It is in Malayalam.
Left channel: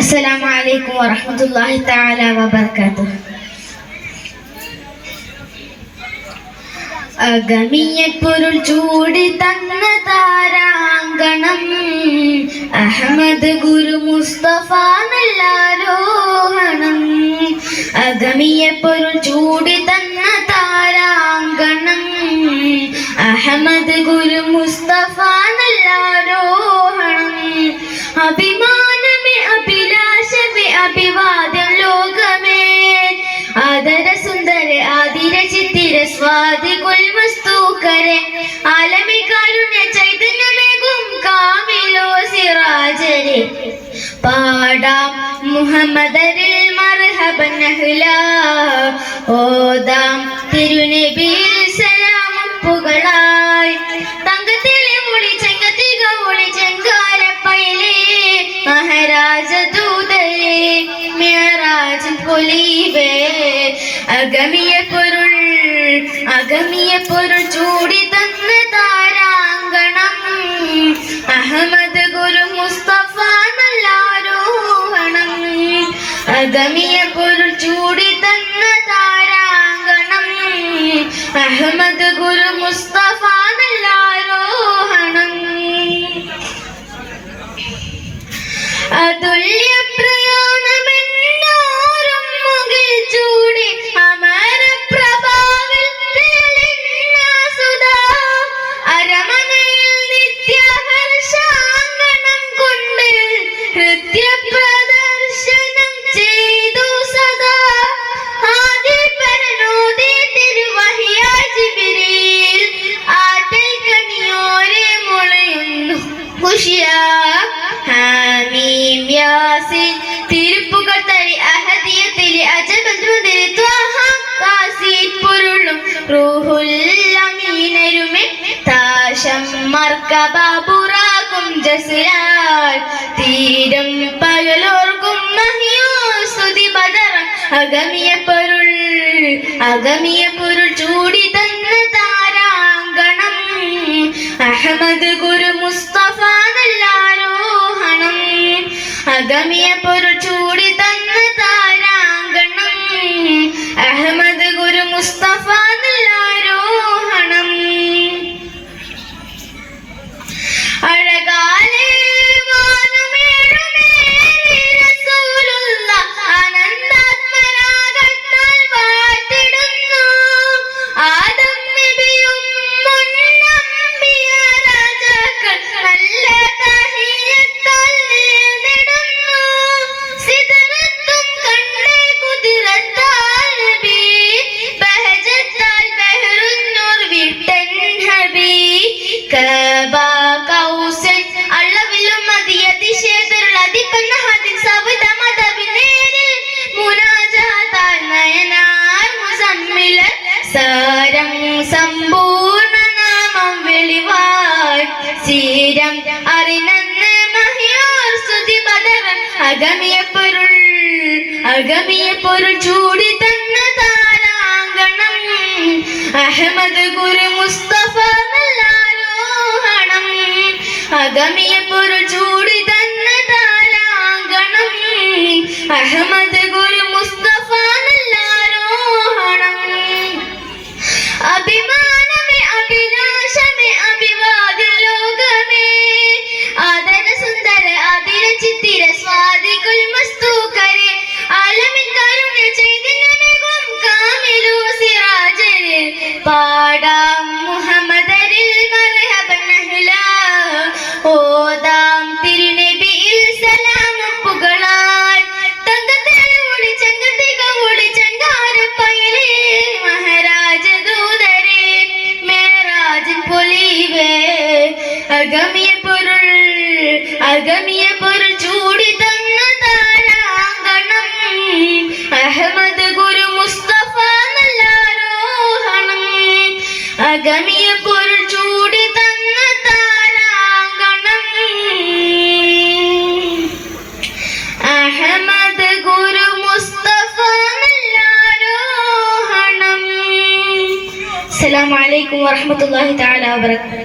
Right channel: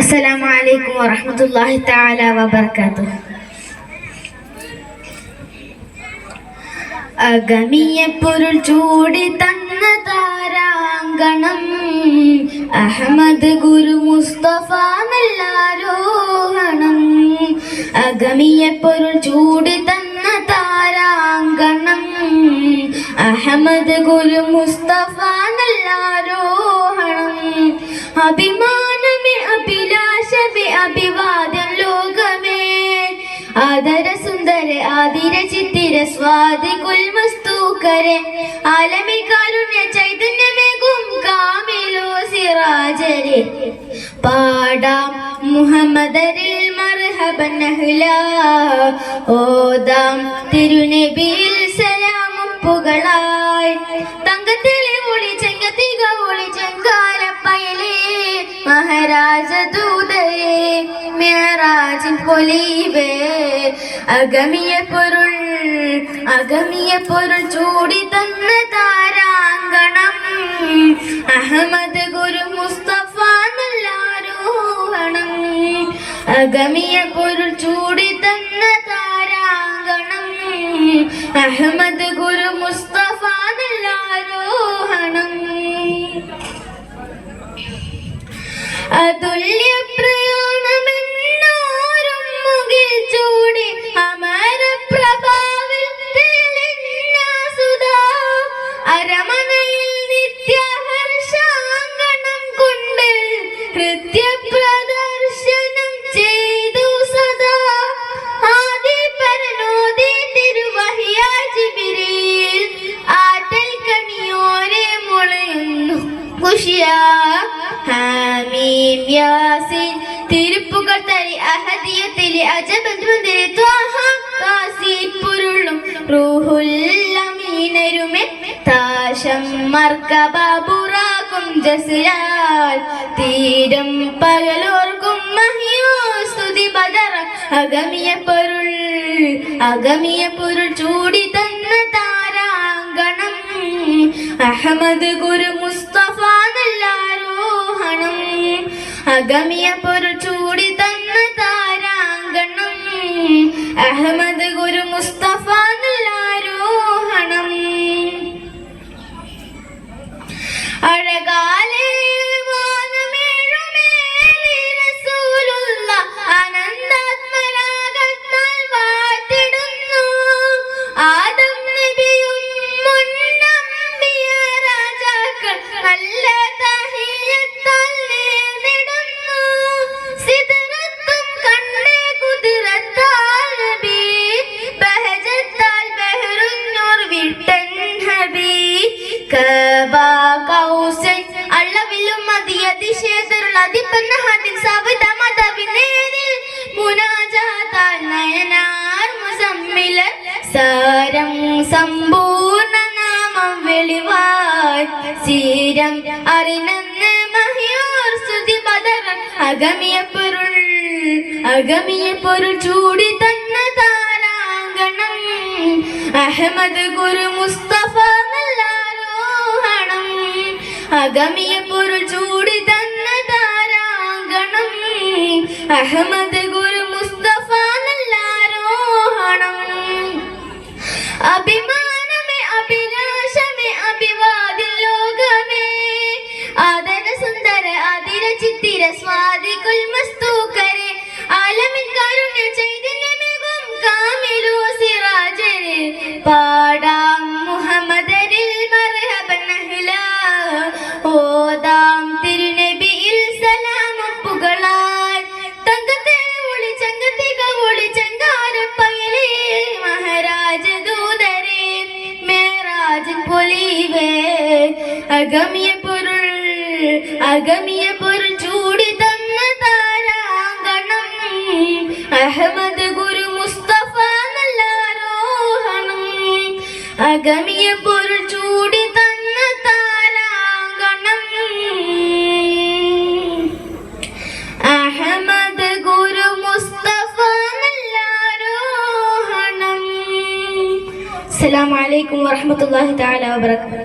അസ്സലാമു അലൈക്കും വറഹ്മത്തുള്ളാഹി തആല വബറകാതുഹു. അഗമിയ പൊരുൾ ചൂടി തന്ന താരാങ്കണം അഹമ്മദ് ഗുരു മുസ്തഫ നല്ലാരോഹണം. അഗമിയ പൊരുൾ ചൂടി തന്ന താരാങ്കണം അഹമ്മദ് ഗുരു മുസ്തഫ നല്ലാരോഹണം. അഭിമാനമേ അഭിലാഷമേ അഭിവാദ്യം ലോകമേ ആദര സുന്ദര ആദിര ചിത്തിര സ്വാതി കുൽമസ്തൂക്കരെ ആലമി കാരുണ്യ ചൈതന്യമേകും കാമിലോ സിറാജരെ പാടാം മുഹമ്മദരിൽ മർഹബൻ അഹ്ലാ ഓദാം തിരുനബിയിൽ സലാമുപ്പുകളായി തങ്കത്തിലെ ഒളി ചെങ്കത്തിക ഒളി ചെങ്കാരപ്പയലേ മഹാരാജ ദൂതരെ മിഅ്റാജിൻ പൊലിവേ. അഗമിയ പൊരുൾ ചൂടി തന്ന താരാങ്കണം അഹമ്മദ് ഗുരു മുസ്തഫ നല്ലാരോഹണം. അഗമിയ പൊരുൾ ചൂടി തന്ന താരാങ്കണം അഹമ്മദ് ഗുരു മുസ്തഫ നല്ലാരോഹണം. അതുല്യ പ്രയാണമെന്നോരും മുകിൽ ചൂടി അമര പ്രഭാവിൽ തെളിഞ്ഞ സുധാ അരമനയിൽ നിത്യഹർഷാങ്കണം കൊണ്ട് ഹൃദ്യ പ്രദർശനം ചെയ്തു സദാ. ആദി പരനോദി തിരുവഹിയ ജിബ്രീൽ ആറ്റൽ കനിയോരെ മുളയുന്നു ഖുശിയാ ഹാമീം യാസീൻ തിരുപ്പുകൾ തരി അഹദിയത്തിലെ അജബദ്രുദിൽ ത്വാഹ കാസീൻ പൊരുളും റൂഹുൽ അമീനരുമെ താശം മർക്കബ ബുറാകും ജസ്ലാൽ തീരം പകലോർക്കും മഹിയോ സ്തുതി ബദറ. അഗമിയ പൊരുൾ ചൂടി തന്ന താരാങ്കണം അഹമ്മദ് ഗുരു മുസ്തഫ നല്ലാരോഹണം. അഗമിയ പൊരുൾ ചൂടി തന്ന താരാങ്കണം അഹമ്മദ് ഗുരു മുസ്തഫ നല്ലാരോഹണം. അഴകാലേ വാനമേറുമേറി റസൂലുള്ള അനന്താത്മരാഗത്താൽ വാഴ്ത്തിടുന്നു. ആദം നബിയും മുന്നമ്പിയ രാജാക്കൾ നല്ല തഹിയ്യത്താൽ നേർന്നിടുന്നു. സിദ്റത്തും കണ്ടേ കുതിരത്താൽ നബി ബഹജത്താൽ ബഹറുന്നൂർ വിട്ടൻ ഹബി കബ കൗസൻ അളവിലും മതിയതിശേഖരുൾ അതിപ്പന്ന ഹദിൻ സവിത മതവിനേരിൽ മുനാജാതാൽ നയനാർ മുസമ്മില സാരം സമ്പൂർണ്ണ നാമം വെളിവായി സീരം അറിനന്ന് മഹിയോർ സ്തുതി ബദറൻ. അഗമിയ പൊരുൾ ചൂടി തന്ന താരാങ്കണം അഹമ്മദ് ഗുരു മുസ്തഫ നല്ലാരോഹണം. അഗമിയ പൊരുൾ ചൂടി തന്ന താരാങ്കണം അഹമ്മദ് ഗുരു മുസ്തഫ നല്ലാരോഹണം. അഭിമാനമേ അഭിലാഷമേ അഭിവാദ്യ ലോകമേ ആദര സുന്ദര ആദിര ചിത്തിര സ്വാതി കുൽമസ്തൂക്കരെ ആലമിൻ കാരുണ്യ ചൈതന്യമേകും കാമിലു സിറാജരെ പാടാം മുഹമ്മദരിൽ മർഹബൻ അഹ്ലാ ഓദാം തിരുനബിയിൽ സലാമുപ്പുകളായി തങ്കത്തിലെ ഒളി ചെങ്കത്തിക ഒളി ചെങ്കാരപ്പയലേ മഹാരാജ ദൂതരെ മിഅ്റാജിൻ പൊലിവേ. അഗമിയ പൊരുൾ ചൂടി തന്ന താരാങ്കണം അഹമ്മദ് ഗുരു മുസ്തഫ നല്ലാരോഹണം. അഗമിയ പൊരുൾ ചൂടി തന്ന താരാങ്കണം അഹമ്മദ് ഗുരു മുസ്തഫ നല്ലാരോഹണം. അസ്സലാമു അലൈക്കും വറഹ്മത്തുള്ളാഹി തആല വബറകാതുഹു.